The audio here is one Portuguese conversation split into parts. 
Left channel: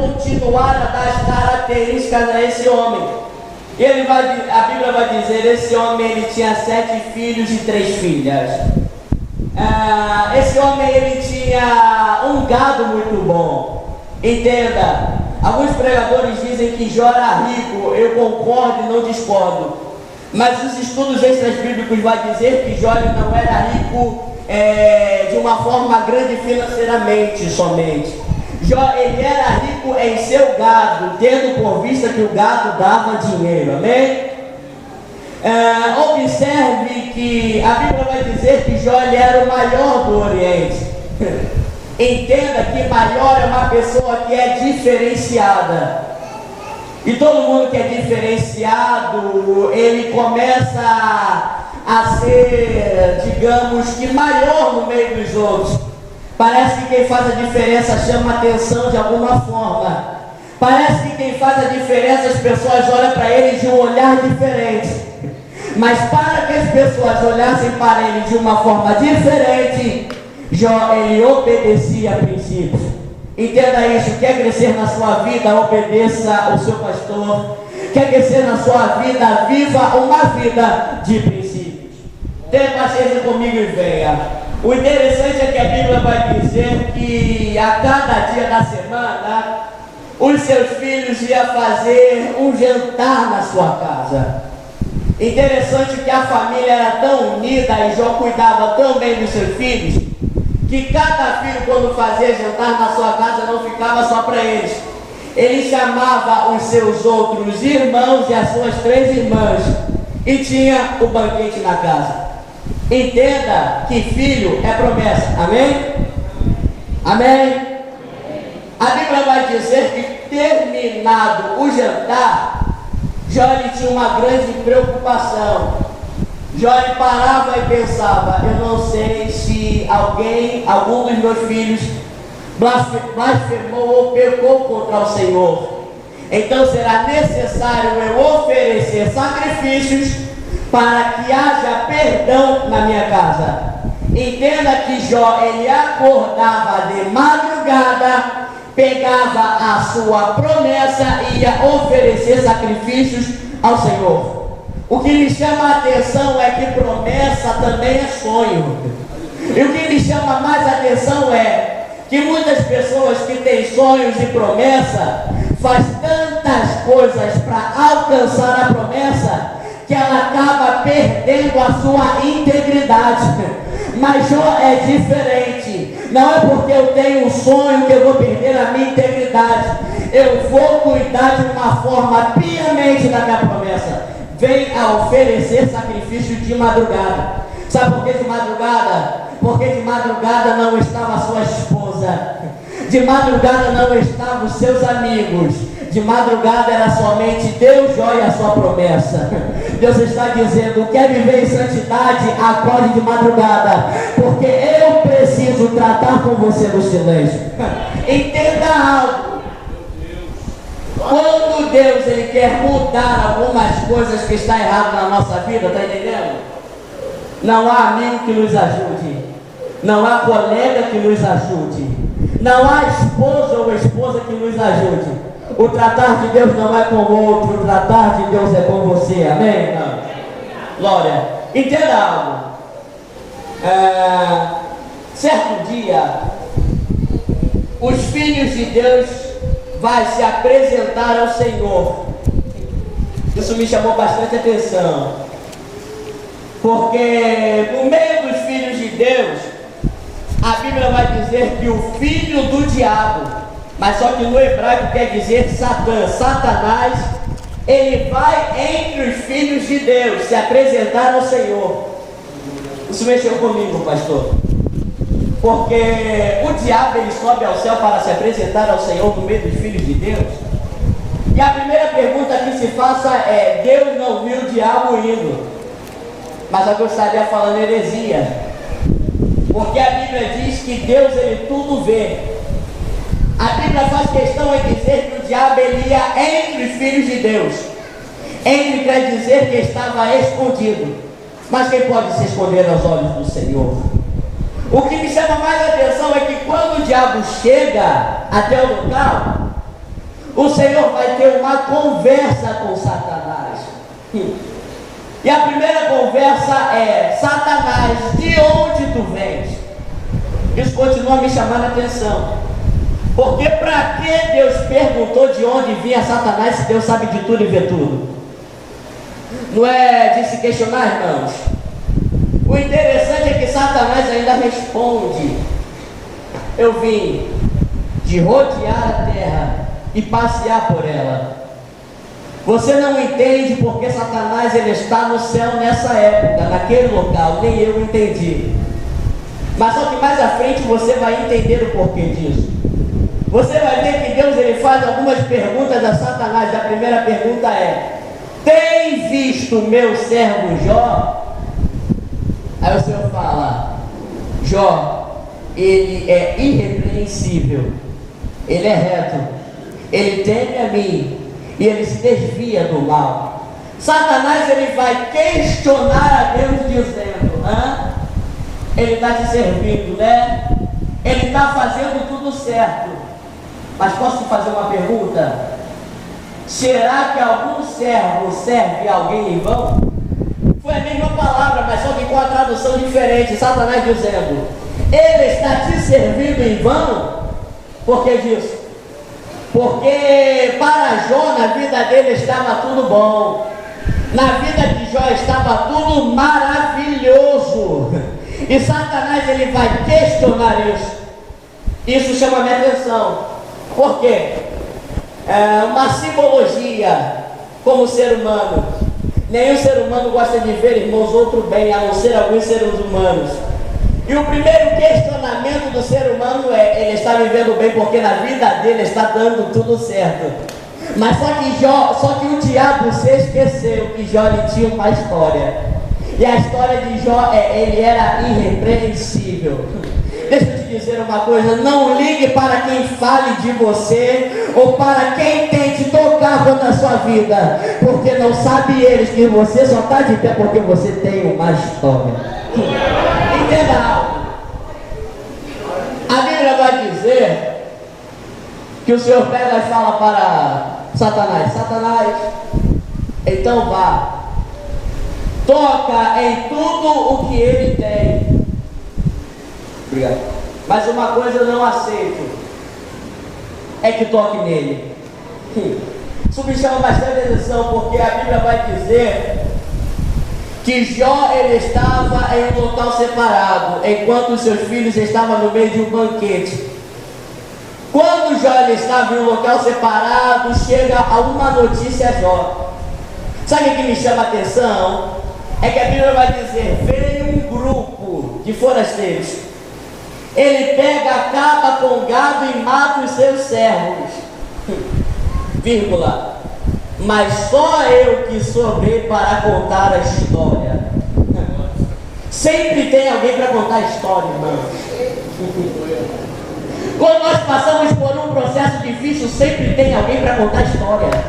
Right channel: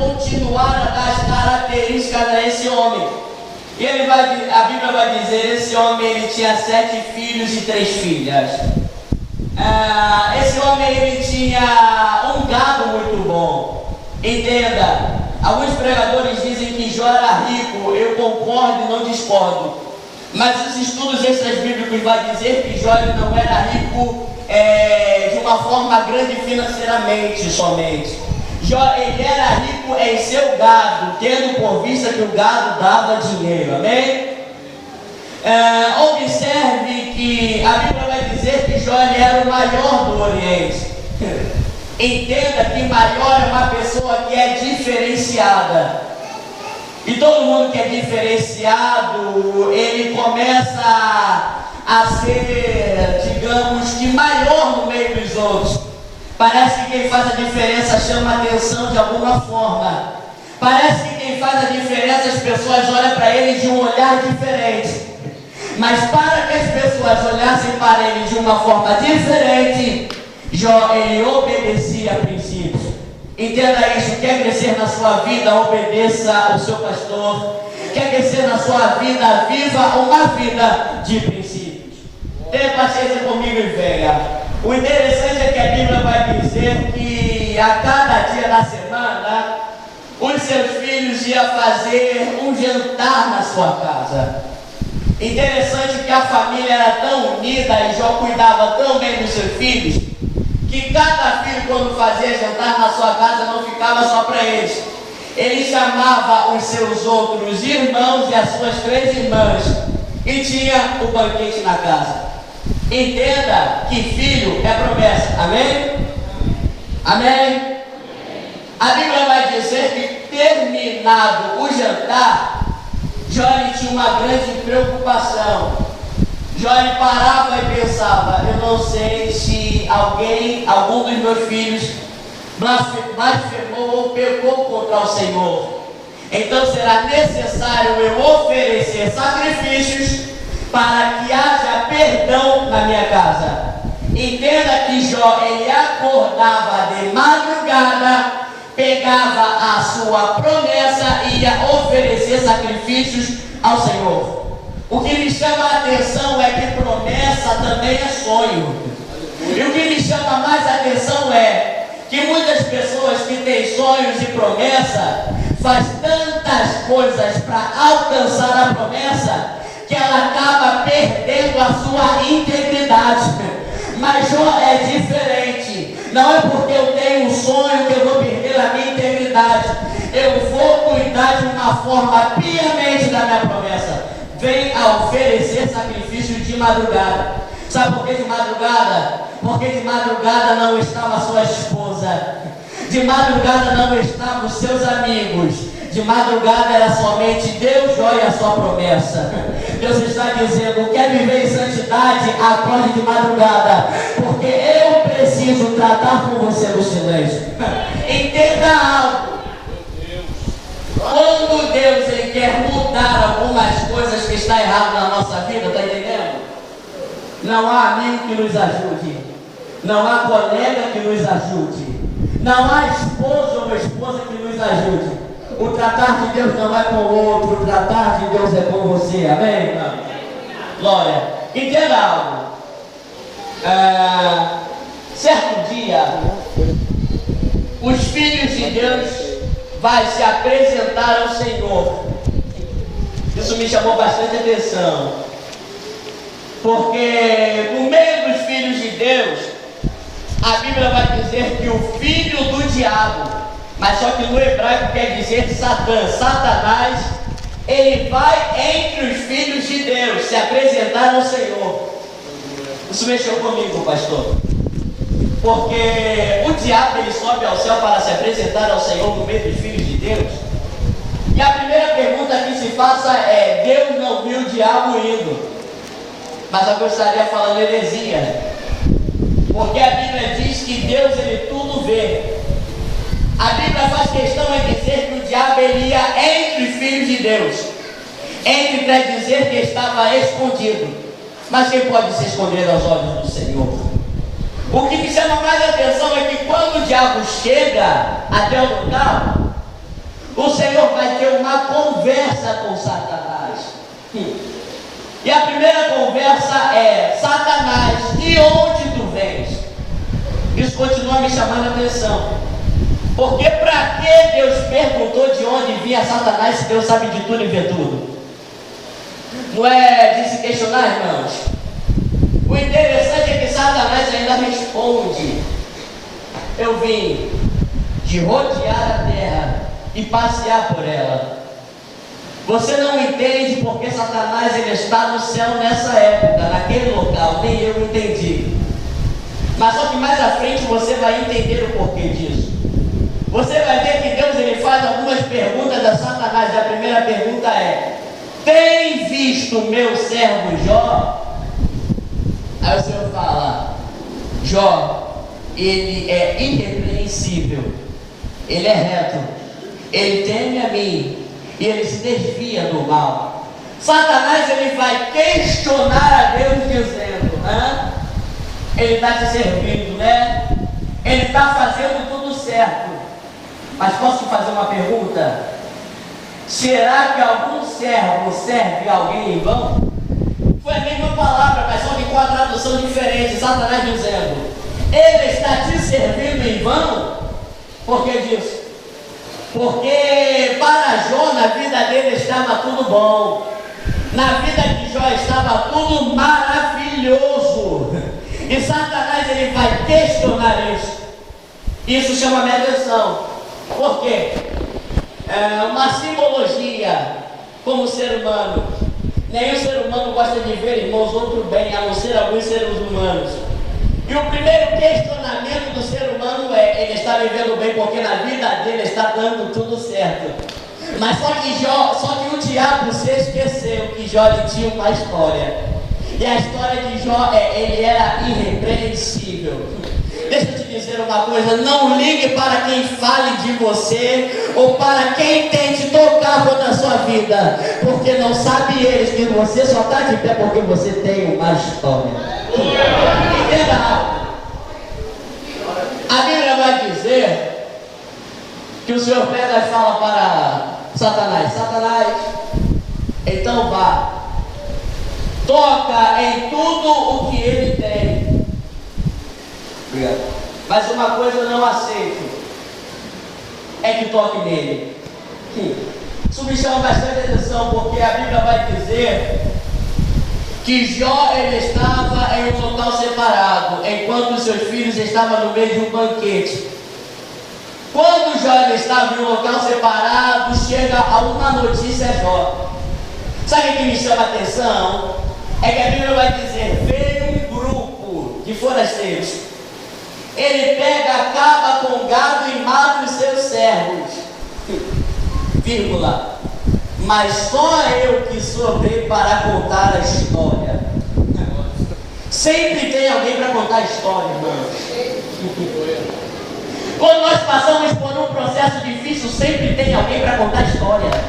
continuar a dar as características a esse homem. E a Bíblia vai dizer, esse homem ele tinha 7 filhos e 3 filhas. Esse homem ele tinha um gado muito bom. Entenda, alguns pregadores dizem que Jó era rico, eu concordo e não discordo. Mas os estudos extras bíblicos vão dizer que Jó ele não era rico de uma forma grande financeiramente somente. Jó ele era rico em seu gado, tendo por vista que o gado dava dinheiro, amém? Observe que a Bíblia vai dizer que Jó ele era o maior do Oriente. Entenda que maior é uma pessoa que é diferenciada. E todo mundo que é diferenciado, ele começa a ser, digamos que maior no meio dos outros. Parece que quem faz a diferença chama a atenção de alguma forma. Parece que quem faz a diferença, as pessoas olham para ele de um olhar diferente. Mas para que as pessoas olhassem para ele de uma forma diferente, Jó, ele obedecia a princípios. Entenda isso, quer crescer na sua vida, obedeça ao seu pastor. Quer crescer na sua vida, viva uma vida de princípios. Tenha paciência comigo e venha. O interessante é que a Bíblia vai dizer que a cada dia da semana, os seus filhos iam fazer um jantar na sua casa. Interessante que a família era tão unida e Jó cuidava tão bem dos seus filhos, que cada filho quando fazia jantar na sua casa não ficava só para eles. Ele chamava os seus outros irmãos e as suas 3 irmãs e tinha o banquete na casa. Entenda que filho é promessa, amém? Amém? A Bíblia vai dizer que terminado o jantar, Jó tinha uma grande preocupação. Jó parava e pensava, eu não sei se algum dos meus filhos blasfemou ou pecou contra o Senhor. Então será necessário eu oferecer sacrifícios para que haja perdão na minha casa. Entenda que Jó, ele acordava de madrugada, pegava a sua promessa e ia oferecer sacrifícios ao Senhor. O que me chama a atenção é que promessa também é sonho. E o que me chama mais a atenção é que muitas pessoas que têm sonhos e promessa faz tantas coisas para alcançar a promessa que ela acaba perdendo a sua integridade. Mas Jó é diferente. Não é porque eu tenho um sonho que eu vou perder a minha integridade. Eu vou cuidar de uma forma piamente da minha promessa. Vem a oferecer sacrifício de madrugada. Sabe por que de madrugada? Porque de madrugada não estava a sua esposa. De madrugada não estavam os seus amigos. De madrugada era somente Deus, Jó e a sua promessa. Deus está dizendo, quer viver em santidade, acorde de madrugada, porque eu preciso tratar com você no silêncio. Entenda algo. Quando Deus ele quer mudar algumas coisas que estão erradas na nossa vida, está entendendo? Não há amigo que nos ajude, não há colega que nos ajude, não há esposa ou esposa que nos ajude. O tratar de Deus não é com o outro, o tratar de Deus é com você, amém? Não. Glória. Entenda algo. Certo dia, os filhos de Deus vai se apresentar ao Senhor. Isso me chamou bastante atenção, porque no meio dos filhos de Deus, a Bíblia vai dizer que o filho do diabo, mas só que no hebraico quer dizer Satã, Satanás, ele vai entre os filhos de Deus se apresentar ao Senhor. Isso mexeu comigo, pastor, porque o diabo ele sobe ao céu para se apresentar ao Senhor no meio dos filhos de Deus. E a primeira pergunta que se faça é, Deus não viu o diabo indo? Mas eu gostaria falando heresia, porque a Bíblia diz que Deus ele tudo vê. A Bíblia faz questão em dizer que o diabo ele ia entre os filhos de Deus. Entre quer dizer que estava escondido. Mas quem pode se esconder aos olhos do Senhor? O que me chama mais a atenção é que quando o diabo chega até o local, o Senhor vai ter uma conversa com Satanás. E a primeira conversa é: Satanás, de onde tu vens? Isso continua me chamando a atenção. Porque para que Deus perguntou de onde vinha Satanás, se Deus sabe de tudo e vê tudo? Não é de se questionar, irmãos? O interessante é que Satanás ainda responde: eu vim de rodear a terra e passear por ela. Você não entende porque Satanás ele está no céu nessa época, naquele local, nem eu entendi. Mas só que mais à frente você vai entender o porquê disso. Você vai ver que Deus ele faz algumas perguntas a Satanás. A primeira pergunta é: tem visto meu servo Jó? Aí o Senhor fala: Jó, ele é irrepreensível, ele é reto, ele teme a mim e ele se desvia do mal. Satanás ele vai questionar a Deus dizendo: ele está te servindo, né? Ele está fazendo tudo certo. Mas posso te fazer uma pergunta? Será que algum servo serve alguém em vão? Foi a mesma palavra, mas só que com a tradução diferente. Satanás dizendo: ele está te servindo em vão? Por que disso? Porque para Jó na vida dele estava tudo bom. Na vida de Jó estava tudo maravilhoso. E Satanás ele vai questionar isso. Isso chama a minha atenção. Por quê? É uma simbologia como ser humano. Nenhum ser humano gosta de ver, irmãos, outro bem, a não ser alguns seres humanos. E o primeiro questionamento do ser humano é: ele está vivendo bem porque na vida dele está dando tudo certo. Mas só que o diabo se esqueceu que Jó ele tinha uma história. E a história de Jó ele era irrepreensível. Deixa eu te dizer uma coisa: não ligue para quem fale de você ou para quem tente tocar contra a sua vida, porque não sabe eles que você só está de pé porque você tem uma história. Entenda algo. A Bíblia vai dizer que o Senhor pega e fala para Satanás: Satanás, então vá, toca em tudo o que ele tem. Obrigado. Mas uma coisa eu não aceito, é que toque nele. Isso me chama bastante atenção, porque a Bíblia vai dizer que Jó ele estava em um local separado, enquanto os seus filhos estavam no meio de um banquete. Quando Jó ele estava em um local separado, chega alguma notícia a Jó. Sabe o que me chama a atenção? É que a Bíblia vai dizer: veio um grupo de forasteiros. Ele pega, acaba com o gado e mata os seus servos. Vírgula. Mas só eu que soube para contar a história. Sempre tem alguém para contar a história, irmão. Quando nós passamos por um processo difícil, sempre tem alguém para contar a história.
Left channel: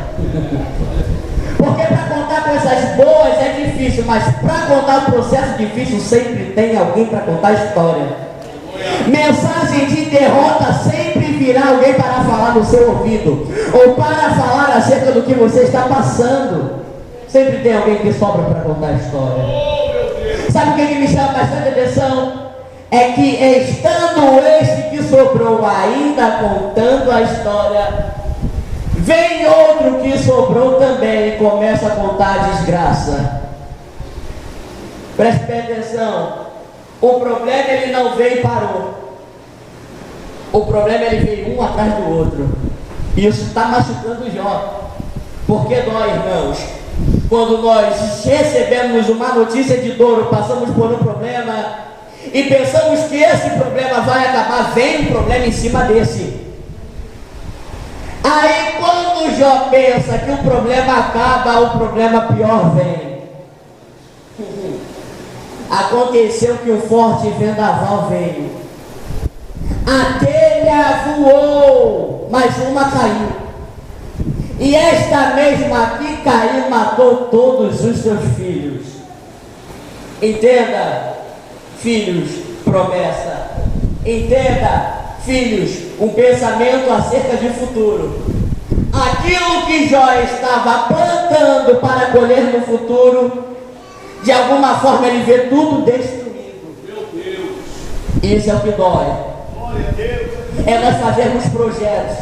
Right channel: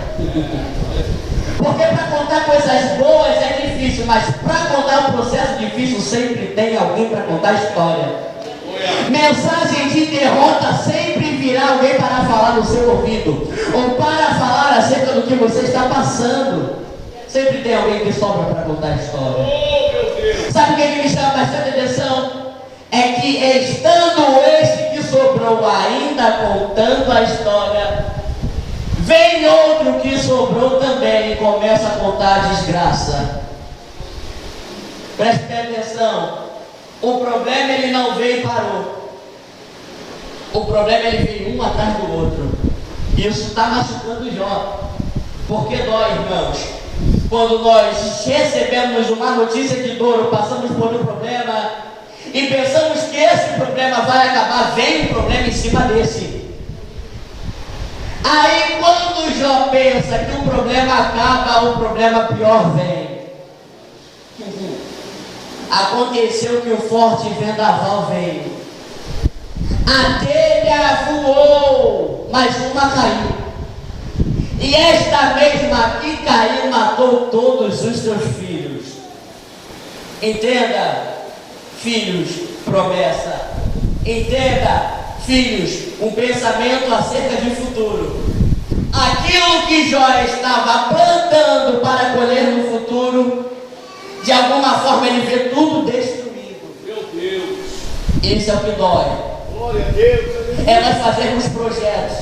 Porque para contar coisas boas é difícil, mas para contar um processo difícil, sempre tem alguém para contar a história. Mensagem de derrota sempre virá alguém para falar no seu ouvido, ou para falar acerca do que você está passando. Sempre tem alguém que sobra para contar a história. Sabe o que me chama bastante atenção? É que estando esse que sobrou ainda contando a história, vem outro que sobrou também e começa a contar a desgraça. Preste bem atenção. O problema ele não veio e parou. O problema ele veio um atrás do outro. E isso está machucando Jó. Porque dói, irmãos. Quando nós recebemos uma notícia de dor, passamos por um problema e pensamos que esse problema vai acabar, vem um problema em cima desse. Aí quando Jó pensa que o problema acaba, o problema pior vem. Aconteceu que o forte vendaval veio. A telha voou, mas uma caiu. E esta mesma aqui caiu e matou todos os seus filhos. Entenda, filhos, promessa. Entenda, filhos, um pensamento acerca de futuro. aquilo que Jó estava plantando para colher no futuro, de alguma forma ele vê tudo destruído. Meu Deus. Isso é o que dói. Glória a Deus. É nós fazermos projetos.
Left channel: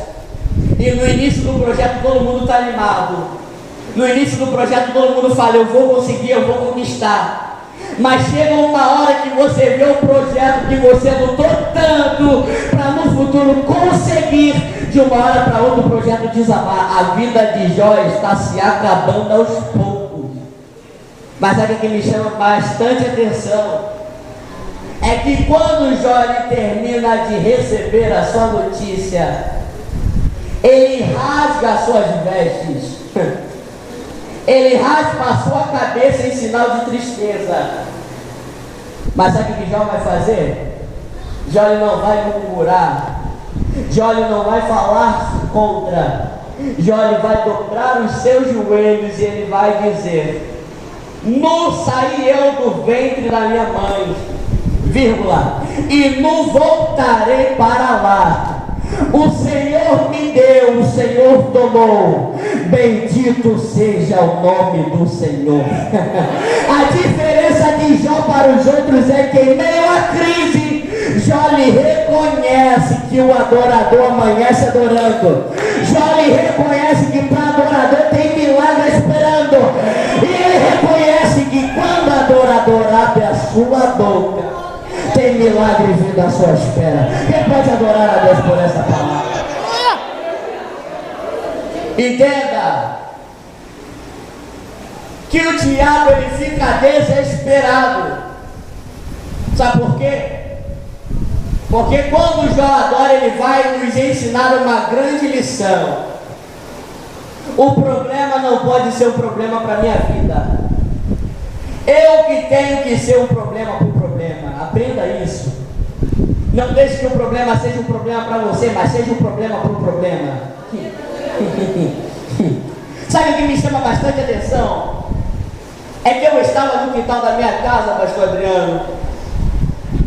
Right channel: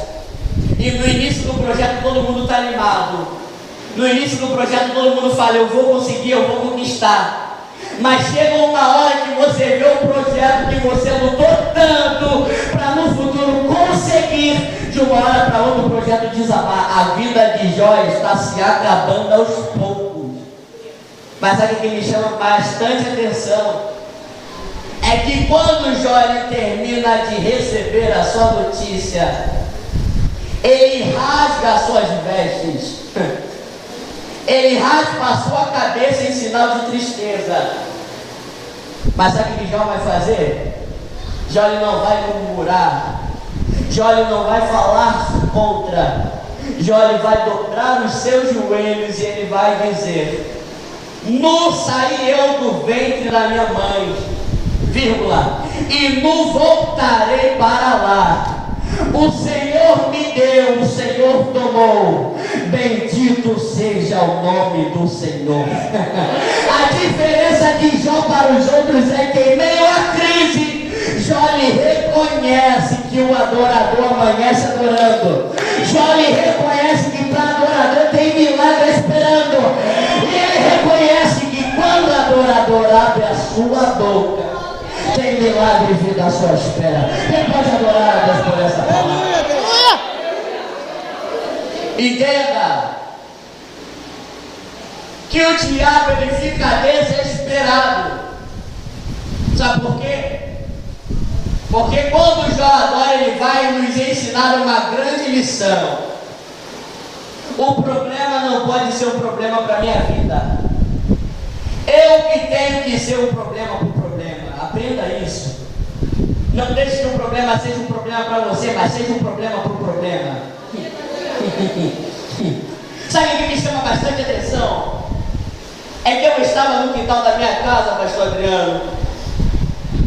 E no início do projeto todo mundo está animado. No início do projeto todo mundo fala, eu vou conseguir, eu vou conquistar. Mas chega uma hora que você vê um projeto que você lutou tanto para no futuro conseguir, de uma hora para outra o projeto desabar. A vida de Jó está se acabando aos poucos. Mas sabe o que me chama bastante atenção? É que quando Jó ele termina de receber a sua notícia, ele rasga as suas vestes. Ele raspa a sua cabeça em sinal de tristeza. Mas sabe o que Jó vai fazer? Jó ele não vai murmurar. Jó ele não vai falar contra. Jó ele vai dobrar os seus joelhos e ele vai dizer: nu saí eu do ventre da minha mãe, vírgula, e nu voltarei para lá. O Senhor me deu, o Senhor tomou. Bendito seja o nome do Senhor. A diferença de Jó para os outros é que em meio à crise, Jó lhe reconhece que o adorador amanhece adorando. Jó lhe reconhece que para adorador tem milagre esperando. E ele reconhece que quando o adorador abre a sua boca, tem milagre vindo à sua espera. Quem pode adorar a Deus por essa palavra? Entenda que o diabo ele fica desesperado. Sabe por quê? Porque quando Jó adora, ele vai nos ensinar uma grande lição. O problema não pode ser um problema para a minha vida. Eu que tenho que ser um problema para o problema. Aprenda isso. Não deixe que o problema seja um problema para você, mas seja um problema para o problema. Sabe o que me chama bastante atenção? É que eu estava no quintal da minha casa, pastor Adriano,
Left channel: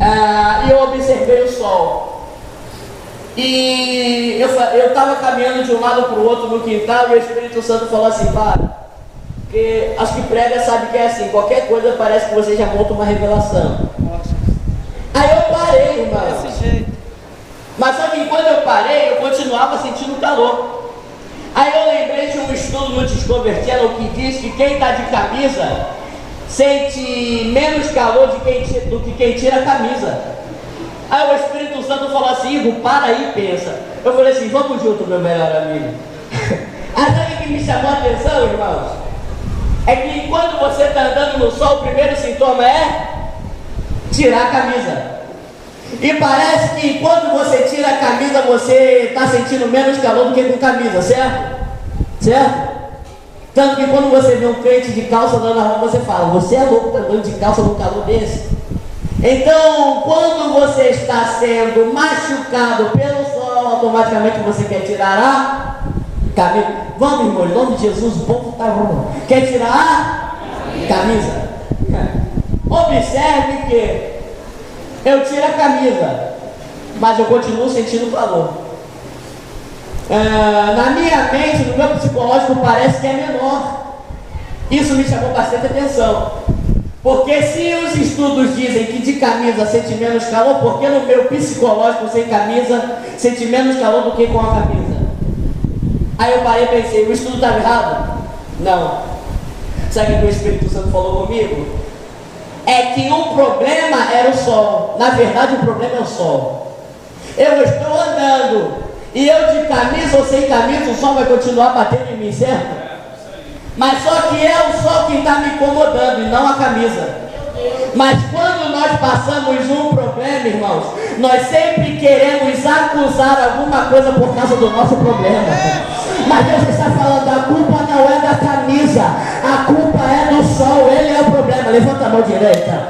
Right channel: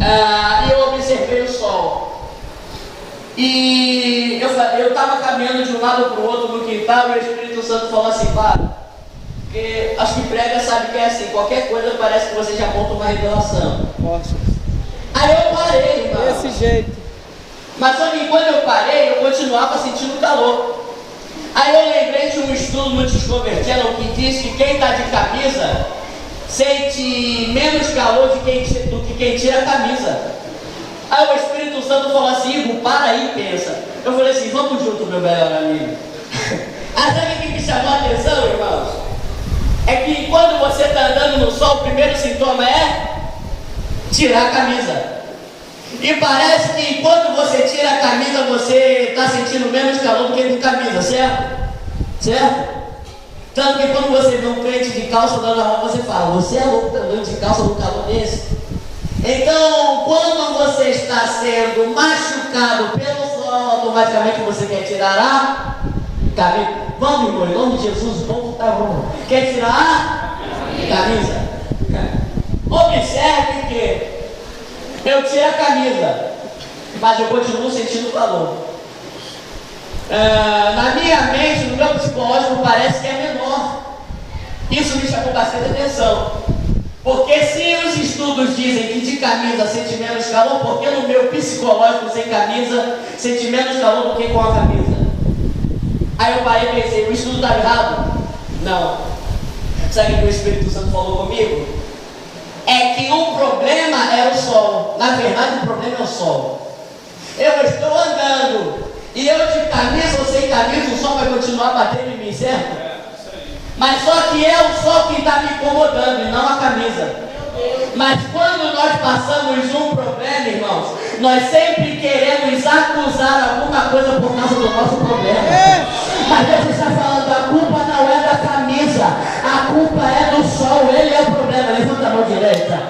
e eu observei o sol. E eu estava caminhando de um lado para o outro no quintal e o Espírito Santo falou assim: para. Porque acho que prega sabe que é assim, qualquer coisa parece que você já monta uma revelação. Nossa. Aí eu parei, irmão. Desse jeito. Mas só que quando eu parei, eu continuava sentindo calor. Aí eu lembrei de um estudo no Discovery Channel que diz que quem está de camisa sente menos calor do que quem tira a camisa. Aí o Espírito Santo falou assim: Igor, para aí e pensa. Eu falei assim: vamos junto, meu melhor amigo. Aí sabe o que me chamou a atenção, irmãos? É que quando você está andando no sol, o primeiro sintoma é tirar a camisa. E parece que quando você tira a camisa, você está sentindo menos calor do que com camisa, certo? Certo? Tanto que quando você vê um crente de calça andando na rua, você fala: você é louco, tá andando de calça num calor desse? Então, quando você está sendo machucado pelo sol, automaticamente você quer tirar a camisa. Vamos, irmão, em nome de Jesus, o povo está bom. Quer tirar a camisa? Observe que eu tiro a camisa, mas eu continuo sentindo calor. Na minha mente, no meu psicológico, parece que é menor. Isso me chamou bastante atenção. Porque se os estudos dizem que de camisa sente menos calor, porque no meu psicológico sem camisa sente menos calor do que com a camisa? Aí eu parei e pensei: o estudo estava errado? Não. Sabe o que o Espírito Santo falou comigo? É que o problema era o sol. Na verdade, o problema é o sol. Eu estou andando e eu de camisa ou sem camisa, o sol vai continuar batendo em mim, certo? Mas só que é o sol que está me incomodando e não a camisa. Mas quando nós passamos um problema, irmãos, nós sempre queremos acusar alguma coisa por causa do nosso problema. Mas Deus está falando: a culpa não é da camisa, a culpa é do sol, ele é o problema. Levanta a mão direita.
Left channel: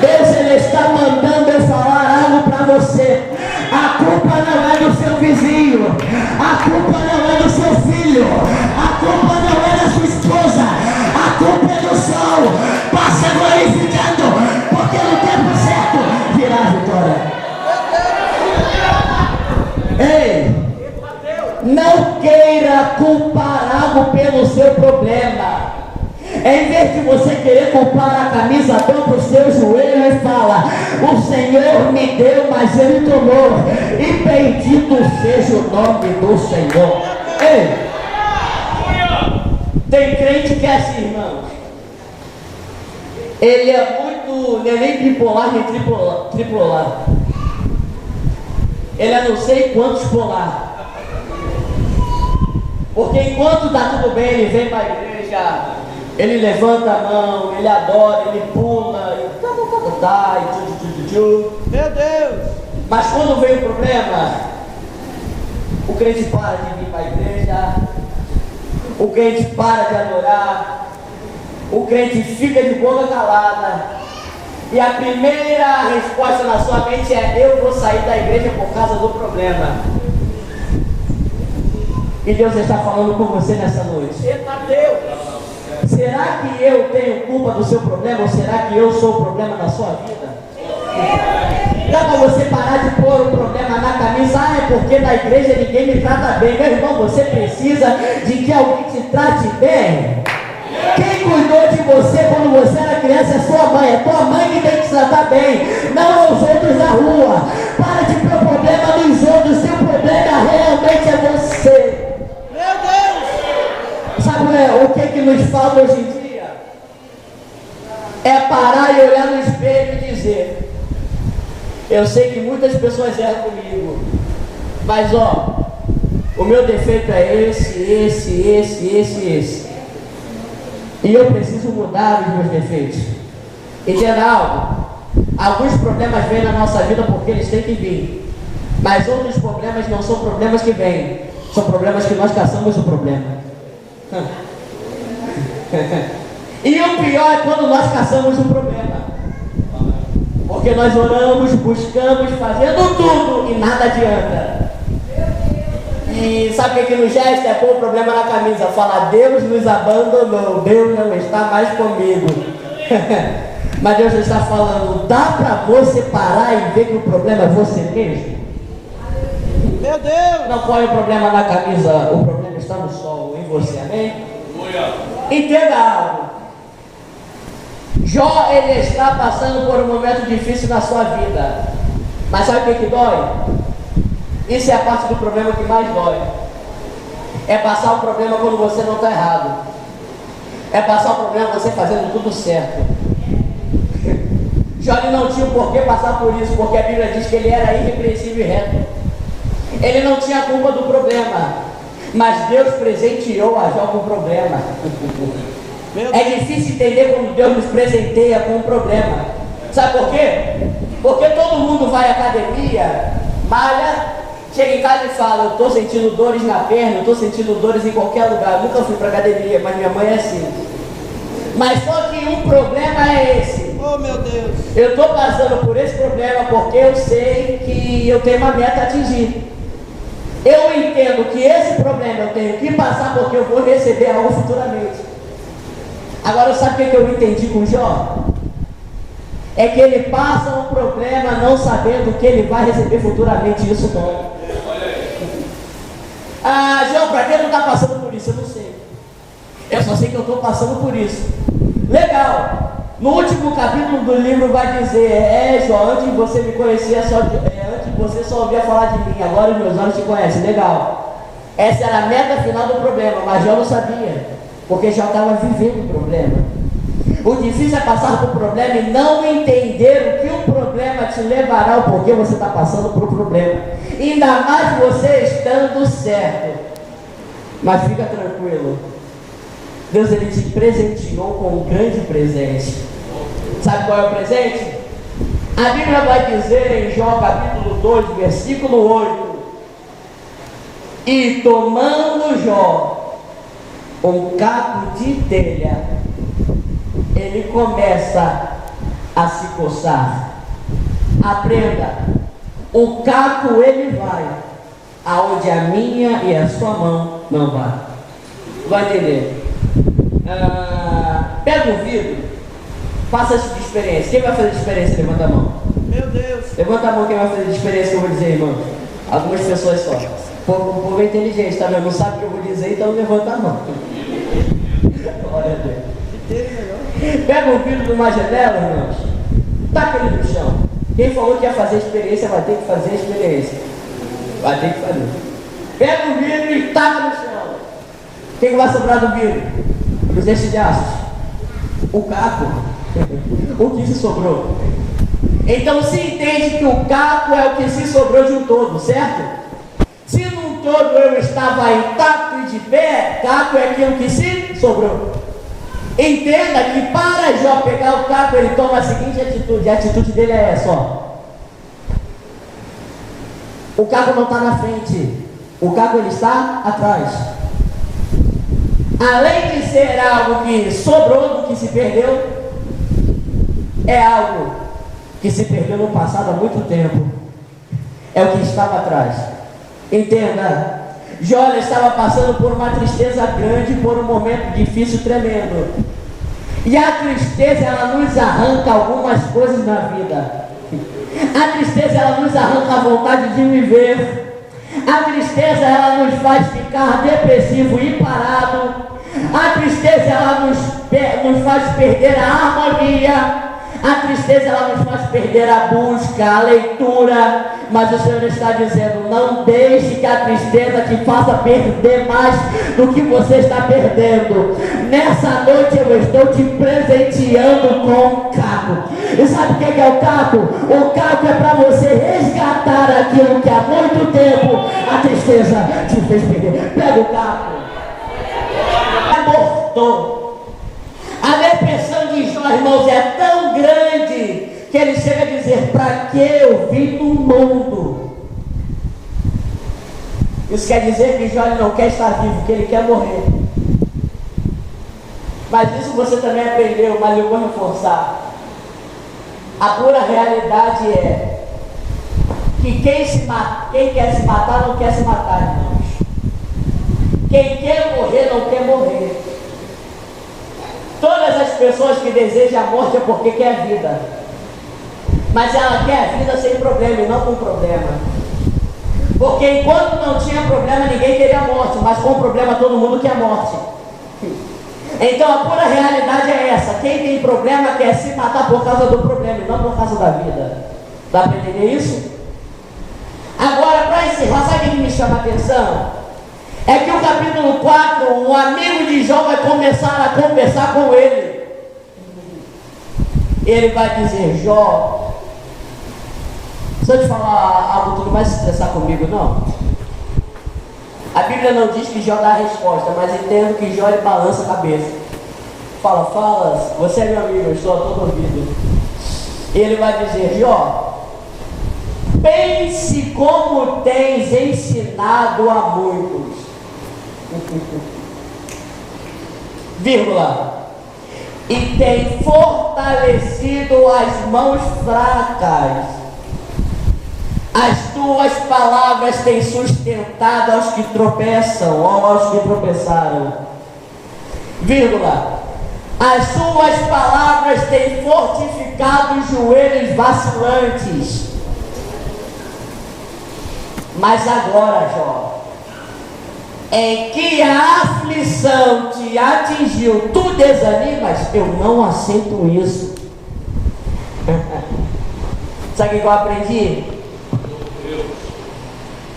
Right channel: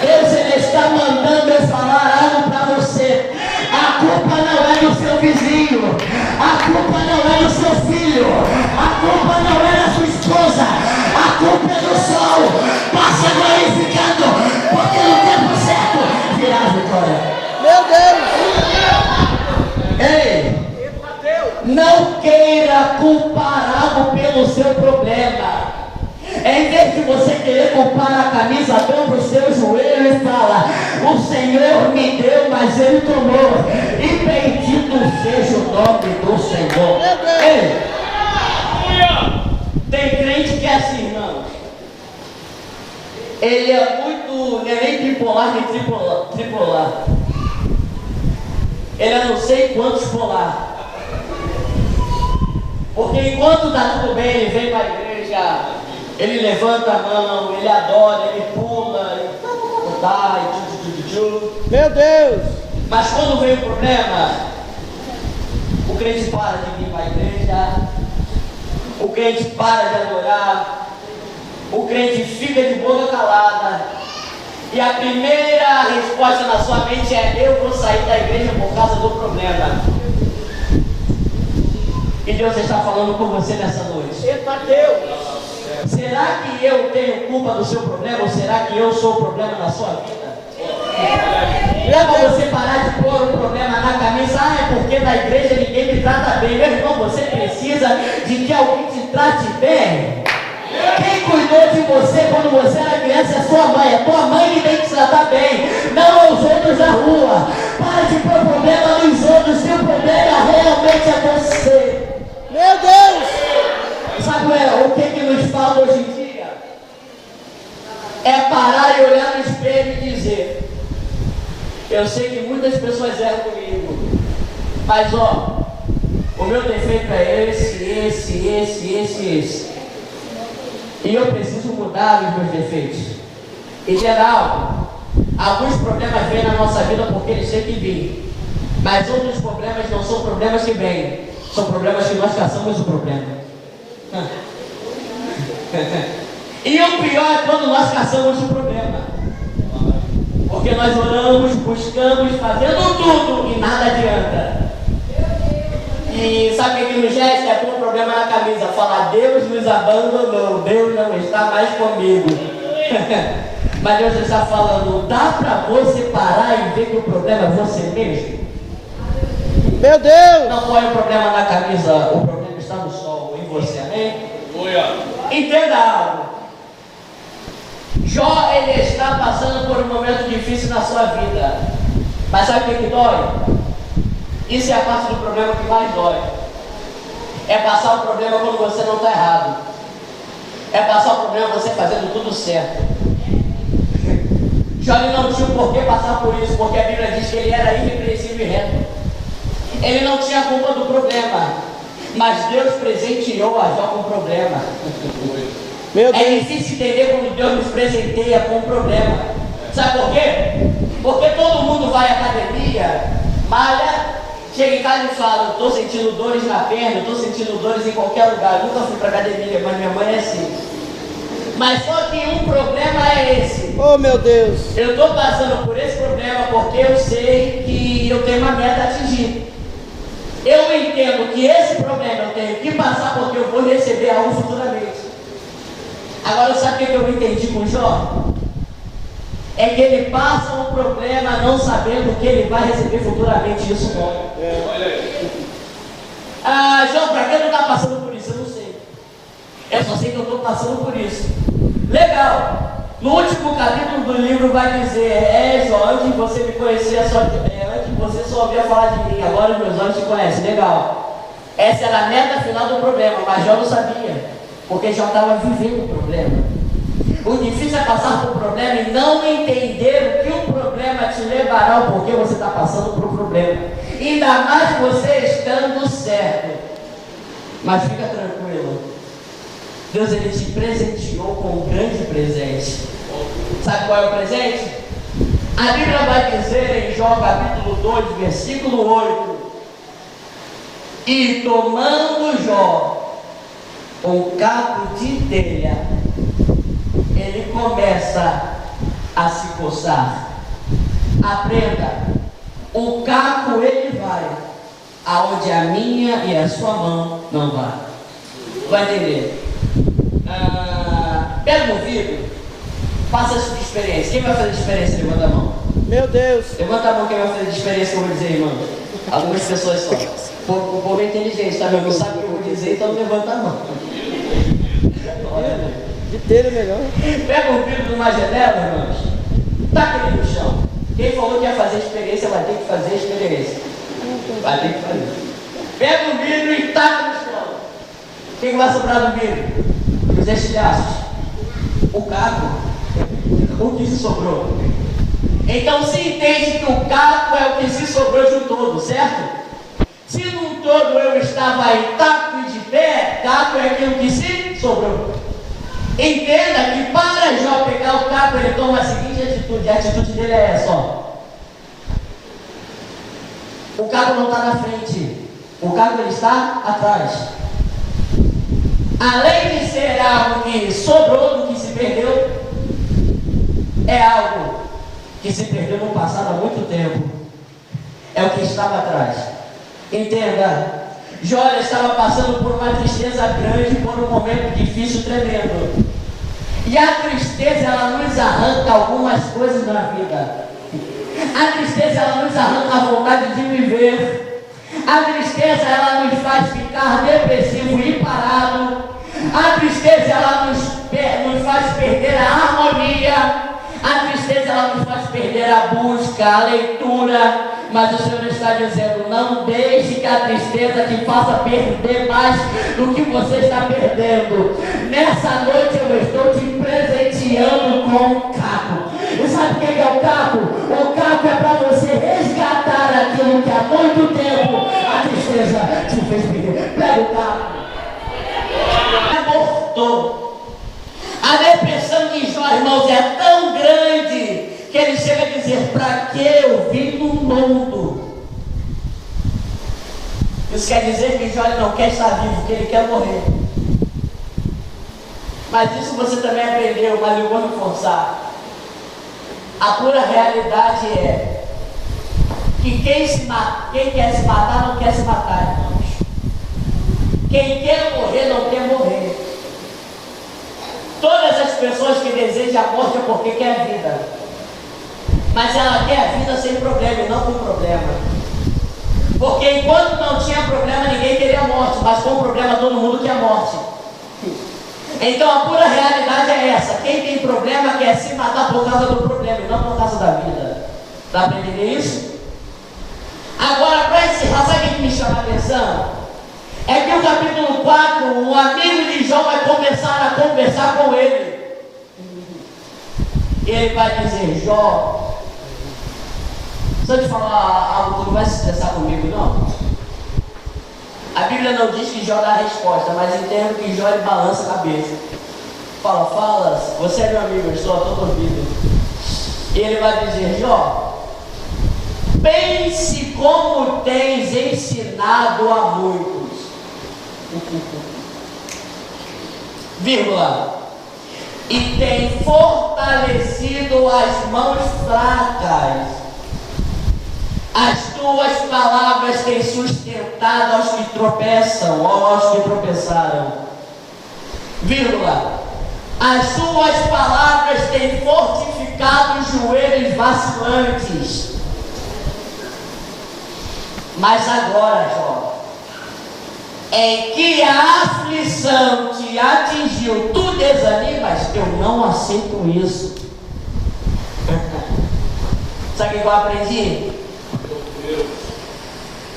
Deus, ele está mandando eu falar algo para você. A culpa não é do seu vizinho, a culpa não é do seu filho, a culpa não é da sua esposa, a culpa é do sol. Passa glorificando, porque no tempo certo virá a vitória. Meu Deus! Ei, não queira culpar algo pelo seu problema. Em vez de você querer culpar a camisa, tampa o seu joelho e fala: o Senhor me deu, mas Ele tomou. E bendito seja o nome do Senhor. Ei, tem crente que é assim, irmão. Ele é muito, não é nem bipolar, nem tripolar. Ele é não sei quantos polar. Porque enquanto está tudo bem, ele vem para a igreja, ele levanta a mão, ele adora, ele pula, Meu Deus! Mas quando vem o problema, o crente para de vir para a igreja, o crente para de adorar, o crente fica de boca calada, e a primeira resposta na sua mente é: eu vou sair da igreja por causa do problema. E Deus está falando com você nessa noite. Eita Deus! Será que eu tenho culpa do seu problema, ou será que eu sou o problema da sua vida? Dá para você parar de pôr um problema na camisa: ah, é porque na igreja ninguém me trata bem. Meu irmão, você precisa de que alguém te trate bem. Quem cuidou de você quando você era criança é sua mãe. É tua mãe que tem que te tratar bem, não os outros da rua. Para de pôr problema nos outros, se o problema realmente é você. Meu Deus! Sabe o que nos falta hoje em dia? É parar e olhar no espelho e dizer: eu sei que muitas pessoas erram comigo, mas ó, o meu defeito é esse. E eu preciso mudar os meus defeitos. Entenda algo? Alguns problemas vêm na nossa vida porque eles têm que vir. Mas outros problemas não são problemas que vêm, são problemas que nós caçamos o problema. E o pior é quando nós caçamos o problema. Porque nós oramos, buscamos, fazendo tudo e nada adianta. E sabe o que nos gesta? É pôr o problema na camisa. Falar: Deus nos abandonou, Deus não está mais comigo. Mas Deus está falando: dá para você parar e ver que o problema é você mesmo? Meu Deus! Não põe o problema na camisa, o problema está no sol, em você, amém? Entenda algo. Jó, ele está passando por um momento difícil na sua vida. Mas sabe o que dói? Isso é a parte do problema que mais dói. É passar o problema quando você não está errado. É passar o problema você fazendo tudo certo. Jó não tinha por que passar por isso, porque a Bíblia diz que ele era irrepreensível e reto. Ele não tinha culpa do problema, mas Deus presenteou a Jó com o problema. É difícil entender quando Deus nos presenteia com um problema. Sabe por quê? Porque todo mundo vai à academia, malha, chega em casa e fala: estou sentindo dores na perna, estou sentindo dores em qualquer lugar. Eu nunca fui para academia, mas minha mãe é assim. Mas só que um problema é esse. Oh meu Deus! Eu estou passando por esse problema porque eu sei que eu tenho uma meta a atingir. Eu entendo que esse problema eu tenho que passar porque eu vou receber algo futuramente. Agora, sabe o que eu entendi com Jó? É que ele passa um problema não sabendo que ele vai receber futuramente. Isso dói. Ah, Jó, para quem não está passando por isso? Eu não sei. Eu só sei que eu estou passando por isso. Legal. No último capítulo do livro vai dizer: Jó, antes de você me conhecer, antes de você só ouvia falar de mim, agora os meus olhos te conhecem. Legal. Essa era a meta final do problema, mas Jó não sabia, porque já estava vivendo o problema. O difícil é passar por problema e não entender o que o problema te levará, o porquê você está passando por um problema. Ainda mais você estando certo. Mas fica tranquilo, Deus, ele te presenteou com um grande presente. Sabe qual é o presente? A Bíblia vai dizer em Jó capítulo 2, versículo 8: e tomando Jó um caco de telha, ele começa a se coçar. Aprenda: o caco ele vai aonde a minha e a sua mão não vai. Vai entender? Pega um vidro, faça essa experiência. Quem vai fazer a experiência? Levanta a mão. Meu Deus! Levanta a mão quem vai fazer a experiência que eu vou dizer, irmão. Algumas pessoas só. O povo é inteligente, tá vendo? Não sabe o que eu vou dizer, então levanta a mão. Glória a Deus. De ter melhor. Pega o vidro de uma janela, irmãos. Taca ele no chão. Quem falou que ia fazer experiência vai ter que fazer experiência. Vai ter que fazer. Pega o vidro e taca no chão. O que vai sobrar do vidro? Os estilhaços. O caco. O que se sobrou. Então se entende que o caco é o que se sobrou de um todo, certo? Se num todo eu estava intacto e de pé, caco é aquilo que se sobrou. Entenda que para Jó pegar o caco, ele toma a seguinte atitude. A atitude dele é essa, ó. O caco não está na frente. O caco ele está atrás. Além de ser algo que sobrou do que se perdeu, é algo que se perdeu no passado há muito tempo. É o que estava atrás. Entenda. Jó estava passando por uma tristeza grande, por um momento difícil, tremendo. E a tristeza, ela nos arranca algumas coisas na vida. A tristeza, ela nos arranca a vontade de viver. A tristeza, ela nos faz ficar depressivo e parado. A tristeza, ela nos faz perder a harmonia. A tristeza, ela nos faz perder a busca, a leitura. Mas o Senhor está dizendo, não deixe que a tristeza te faça perder mais do que você está perdendo. Nessa noite eu estou te presenteando com o caco. E sabe o que é o caco? O caco é para você resgatar aquilo que há muito tempo a tristeza te fez perder. Pega o caco. Abortou. A depressão de Jó, irmãos, é tão grande que ele chega a dizer, para que eu vim no mundo? Isso quer dizer que Jó não quer estar vivo, que ele quer morrer. Mas isso você também aprendeu, mas eu vou reforçar. A pura realidade é que quem quer se matar não quer se matar, irmãos. Quem quer morrer não quer morrer. Todas as pessoas que desejam a morte é porque quer a vida. Mas ela quer a vida sem problema e não com problema. Porque enquanto não tinha problema, ninguém queria a morte. Mas com problema, todo mundo quer a morte. Então a pura realidade é essa. Quem tem problema quer se matar por causa do problema e não por causa da vida. Dá para entender isso? Agora, para encerrar, sabe o que me chama a atenção? É que o capítulo 4, o amigo de Jó vai começar a conversar com ele. Ele vai dizer, Jó, se eu te falar algo, tu não vai se estressar comigo, não? A Bíblia não diz que Jó dá a resposta, mas entendo que Jó ele balança a cabeça. Fala, você é meu amigo, eu estou a todo ouvido. Ele vai dizer, Jó, pense como tens ensinado a muitos. Vírgula. E tem fortalecido as mãos fracas. As tuas palavras têm sustentado aos que tropeçam, ou aos que tropeçaram. Vírgula. As tuas palavras têm fortificado os joelhos vacilantes. Mas agora, Jó, em que a aflição te atingiu, tu desanimas? Eu não aceito isso. Sabe o que eu aprendi?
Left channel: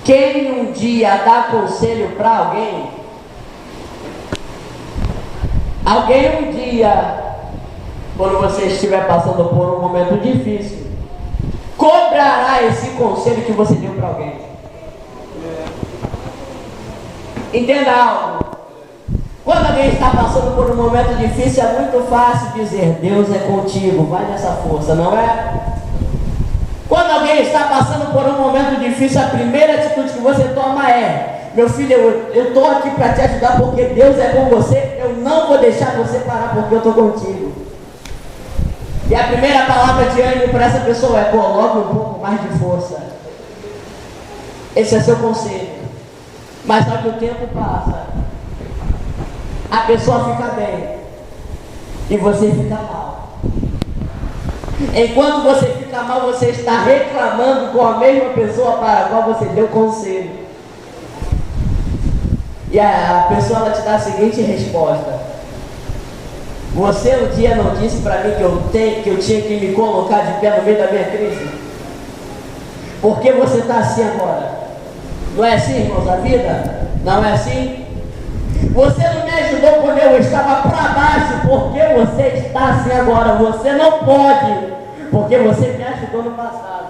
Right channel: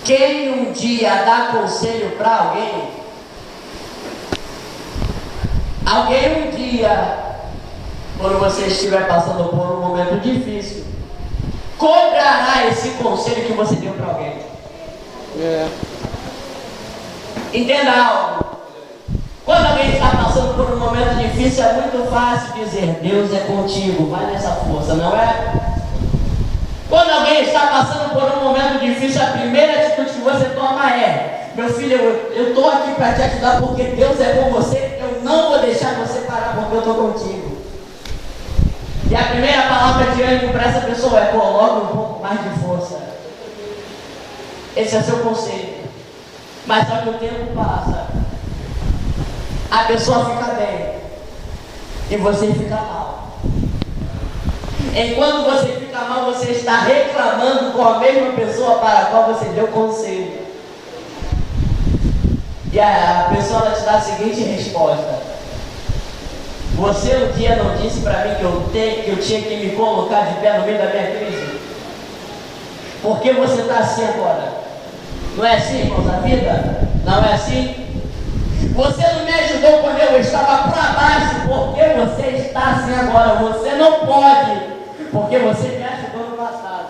Quem um dia dá conselho para alguém um dia, quando você estiver passando por um momento difícil, cobrará esse conselho que você deu para alguém. Entenda algo. Quando alguém está passando por um momento difícil, é muito fácil dizer, Deus é contigo, vai nessa força, não é? Quando alguém está passando por um momento difícil, a primeira atitude que você toma é, meu filho, eu estou aqui para te ajudar porque Deus é com você, eu não vou deixar você parar porque eu estou contigo. E a primeira palavra de ânimo para essa pessoa é, coloque um pouco mais de força. Esse é seu conselho. Mas só que o tempo passa, a pessoa fica bem e você fica mal. Enquanto você fica mal, você está reclamando com a mesma pessoa para a qual você deu conselho. E a pessoa ela te dá a seguinte resposta: você um dia não disse para mim que eu tinha que me colocar de pé no meio da minha crise? Por que você está assim agora? Não é assim, irmãos, a vida? Não é assim? Você não me ajudou quando eu estava para baixo, por que você está assim agora? Você não pode, porque você me ajudou no passado.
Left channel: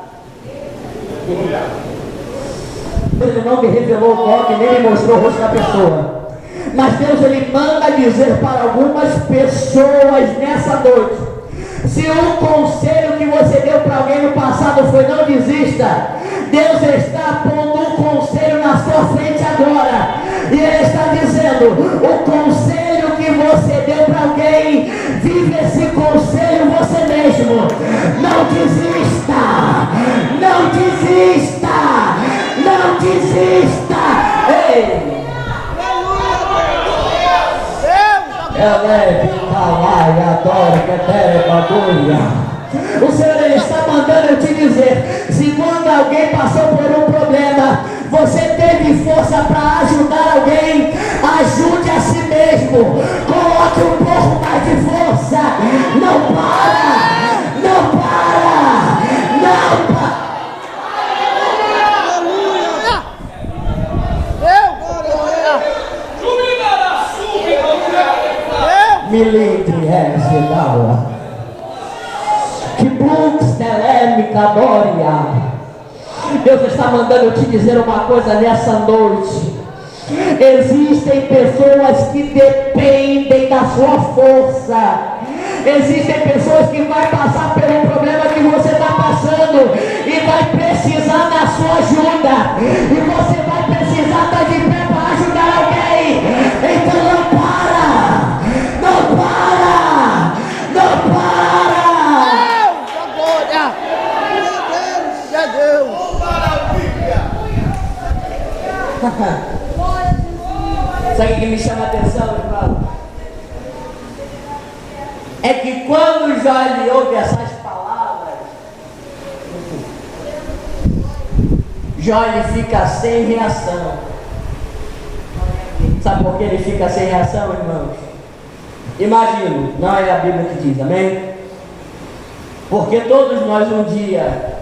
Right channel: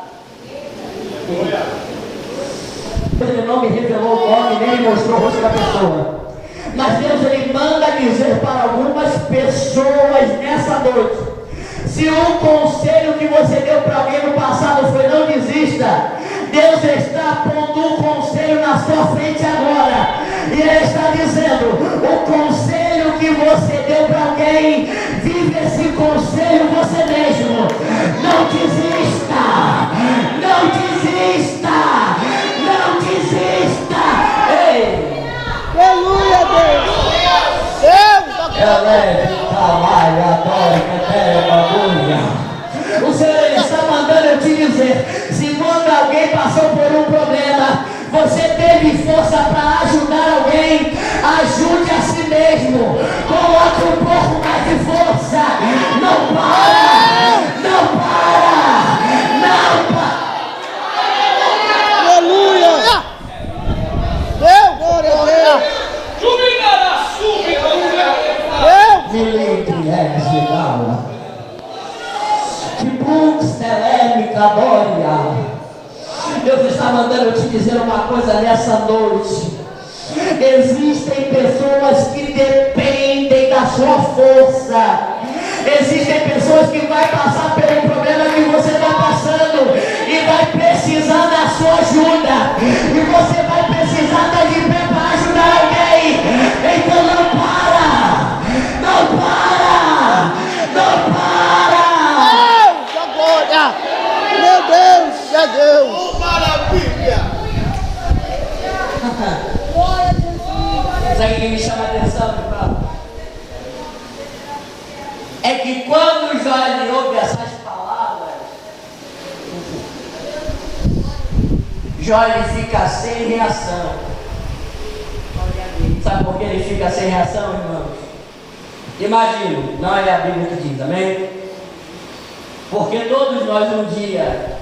Ele não me revelou o nome, nem me mostrou o rosto da pessoa. Mas Deus, Ele manda dizer para algumas pessoas nessa noite: se um conselho que você deu para mim no passado foi não desista, Deus está pondo um conselho na sua frente agora. E Ele está dizendo: o conselho que você deu para alguém, vive esse conselho você mesmo. Não desista, não desista, não desista. Ei! Aleluia, Deus. Deus, Ela é de trabalho, adora, que é bagulha. O Senhor Ele está mandando eu te dizer: se quando alguém passou por um problema, você teve força para ajudar alguém, ajude a si mesmo. Coloque um pouco mais de força. Não para, não para, não para. aleluia. Deus, glória a Deus. Deus. Milindre é final. Que Brooks telêmica glória. Deus está mandando eu te dizer uma coisa nessa noite. Existem pessoas que dependem da sua força. Existem pessoas que vão passar pelo problema que você está passando e vai precisar da sua ajuda. E você vai precisar estar de pé para ajudar alguém. Então não para! Não para! Não para! Deus, a glória. Meu Deus, é Deus. Oh, maravilha! Sabe o que me chama a atenção, irmão? É que quando Jó ouve essas palavras, Jó ele fica sem reação. Sabe por que ele fica sem reação, irmãos? Imagino, não é a Bíblia que diz, amém? Porque todos nós um dia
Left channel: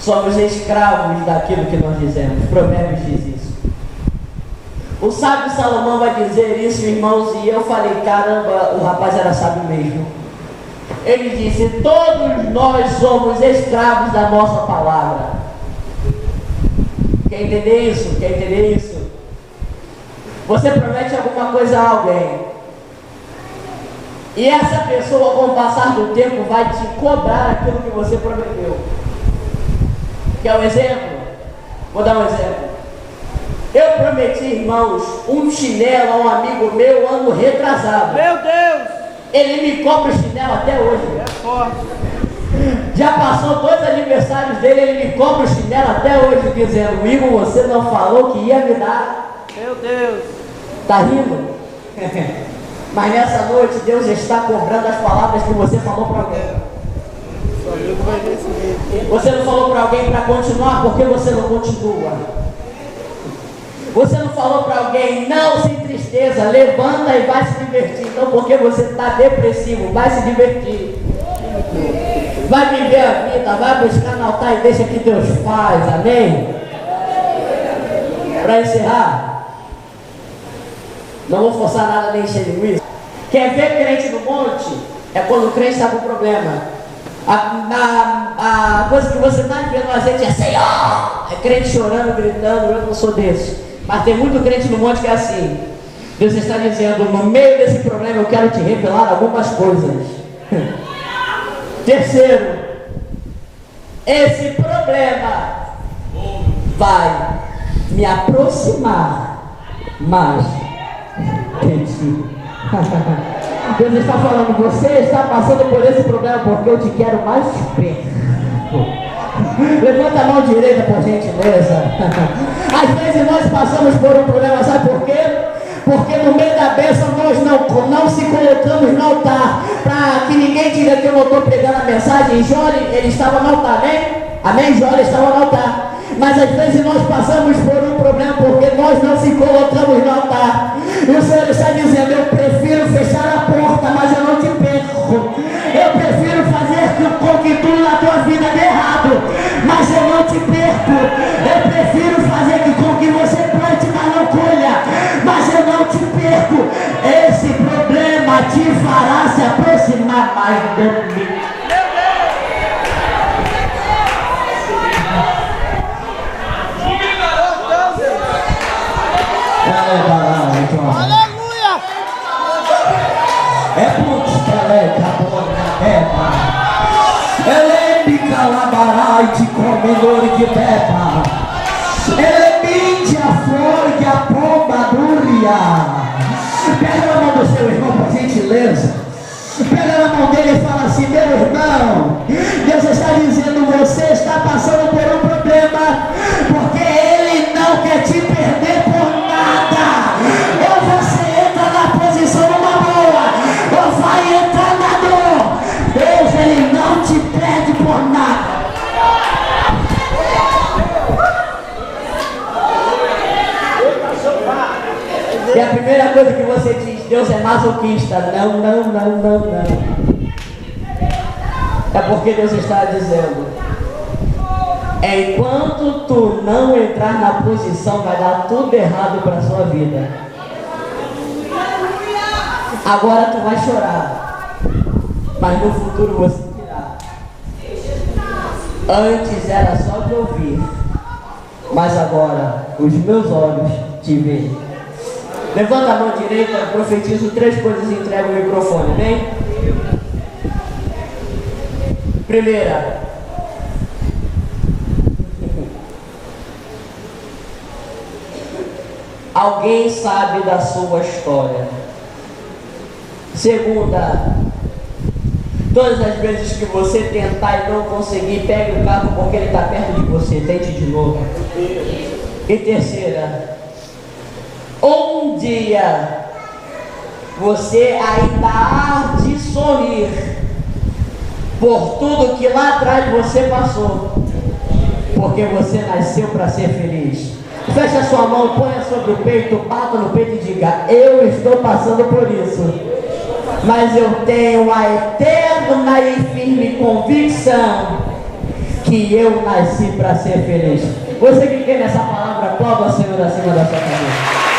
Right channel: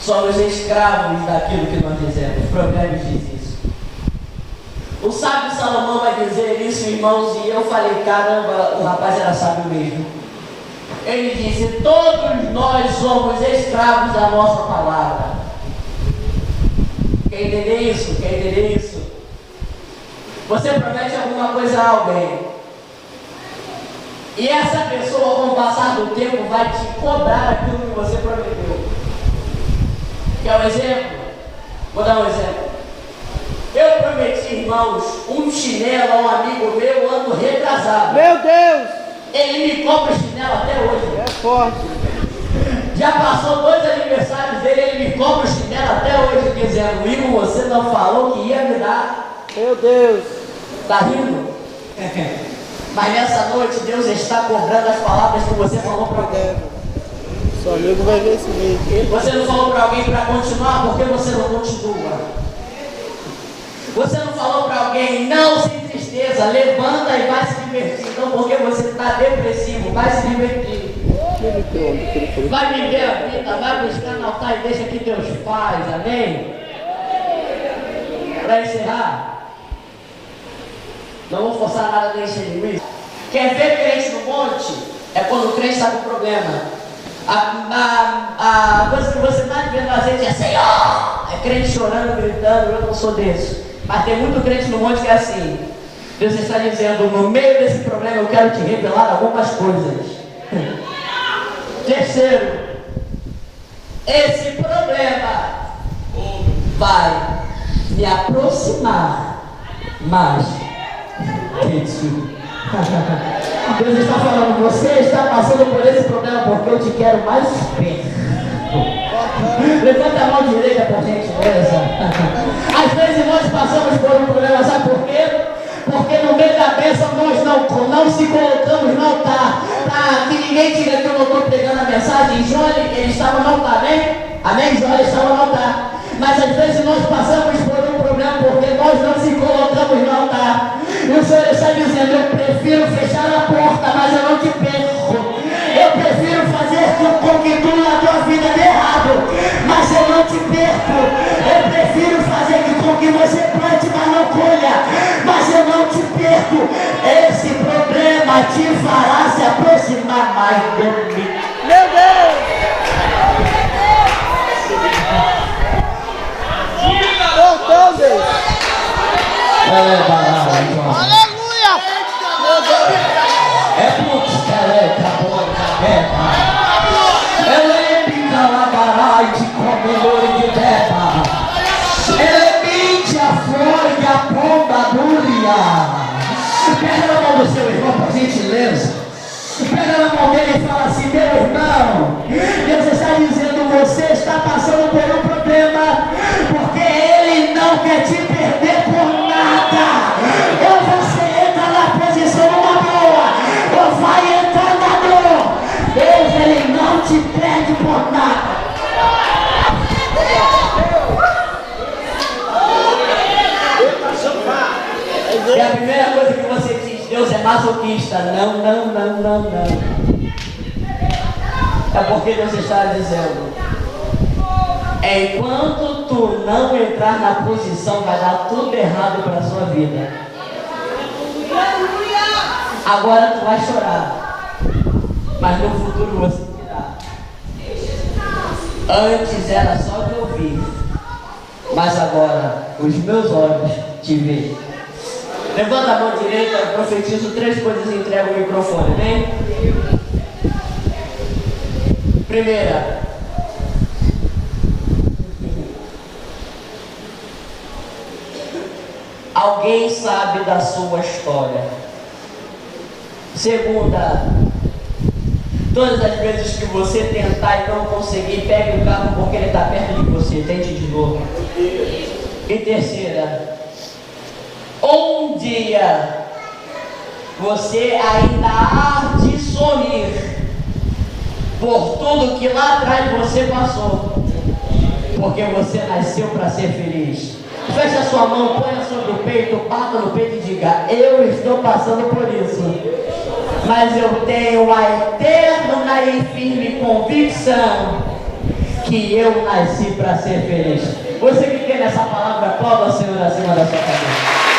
somos escravos daquilo que nós dizemos. Provérbios diz isso. O sábio Salomão vai dizer isso, irmãos, e eu falei: caramba, o rapaz era sábio mesmo. Ele disse: todos nós somos escravos da nossa palavra. Quer entender isso? Quer entender isso? Você promete alguma coisa a alguém, e essa pessoa, com o passar do tempo, vai te cobrar aquilo que você prometeu. Quer um exemplo? Vou dar um exemplo. Eu prometi, irmãos, um chinelo a um amigo meu ano retrasado. Meu Deus. Ele me cobra o chinelo até hoje. É forte. Já passou 2 aniversários dele, ele me cobra o chinelo até hoje, dizendo: Igor, você não falou que ia me dar. Meu Deus. Tá rindo? Mas nessa noite Deus está cobrando as palavras que você falou para alguém. Seu amigo vai ver esse vídeo. Você não falou para alguém para continuar, porque você não continua. Você não falou para alguém: não, sem tristeza, levanta e vai se divertir. Então, porque você está depressivo, vai se divertir. Vai viver a vida, vai buscar no altar e deixa que Deus faz, amém? Para encerrar, não vou forçar nada nem encher linguiça. Quer ver crente no monte? É quando o crente está com problema. A coisa que você mais vê no azeite é: Senhor! É crente chorando, gritando. Eu não sou desse. Mas tem muito crente no monte que é assim. Deus está dizendo: no meio desse problema eu quero te revelar algumas coisas. Terceiro, esse problema vai me aproximar mais de ti. Deus está falando: você está passando por esse problema porque eu te quero mais perto. Levanta a mão direita, por gentileza. Às vezes nós passamos por um problema, sabe por quê? Porque no meio da bênção nós não se colocamos no altar, para que ninguém diga que eu não estou pregando a mensagem. Jó, ele estava no altar, amém? Amém? Jó estava no altar. Mas às vezes nós passamos por um problema nós se colocamos no altar. E o Senhor está dizendo: eu prefiro fechar a porta, mas eu não te perco. Eu prefiro fazer com que tudo na tua vida dê errado, mas eu não te perco. Eu prefiro fazer com que você plante, mas não colha, mas eu não te perco. Esse problema te fará se aproximar mais de mim. Meu Deus! Voltou, Deus! Aleluia! É muito esqueleto, a boca beba. Elemica labarite comedor de beba. Elemite a flor e a pomba dúria. Pega na mão do seu irmão, por gentileza. Pega na mão dele e fala assim: meu irmão, Deus está dizendo, você está passando por um problema, porque Ele não quer te perder por nada. Ou você entra na posição numa boa, ou vai entrar na dor. Deus, Ele não te perde por nada. E a primeira coisa que você diz: Deus é masoquista. Não. É porque Deus está dizendo: enquanto tu não entrar na posição, vai dar tudo errado para a sua vida. Agora tu vai chorar, mas no futuro você dirá: antes era só de ouvir, mas agora os meus olhos te veem. Levanta a mão direita, eu profetizo 3 coisas e entrego o microfone, bem? Primeira, alguém sabe da sua história. Segunda, todas as vezes que você tentar e não conseguir, pegue o carro porque ele está perto de você, tente de novo. E terceira, um dia você ainda há de sorrir por tudo que lá atrás você passou, porque você nasceu para ser feliz. Feche a sua mão, ponha sobre o peito, bata no peito e diga: eu estou passando por isso, mas eu tenho a eterna e firme convicção que eu nasci para ser feliz. Você que tem essa palavra, aplauda o Senhor acima da sua cabeça.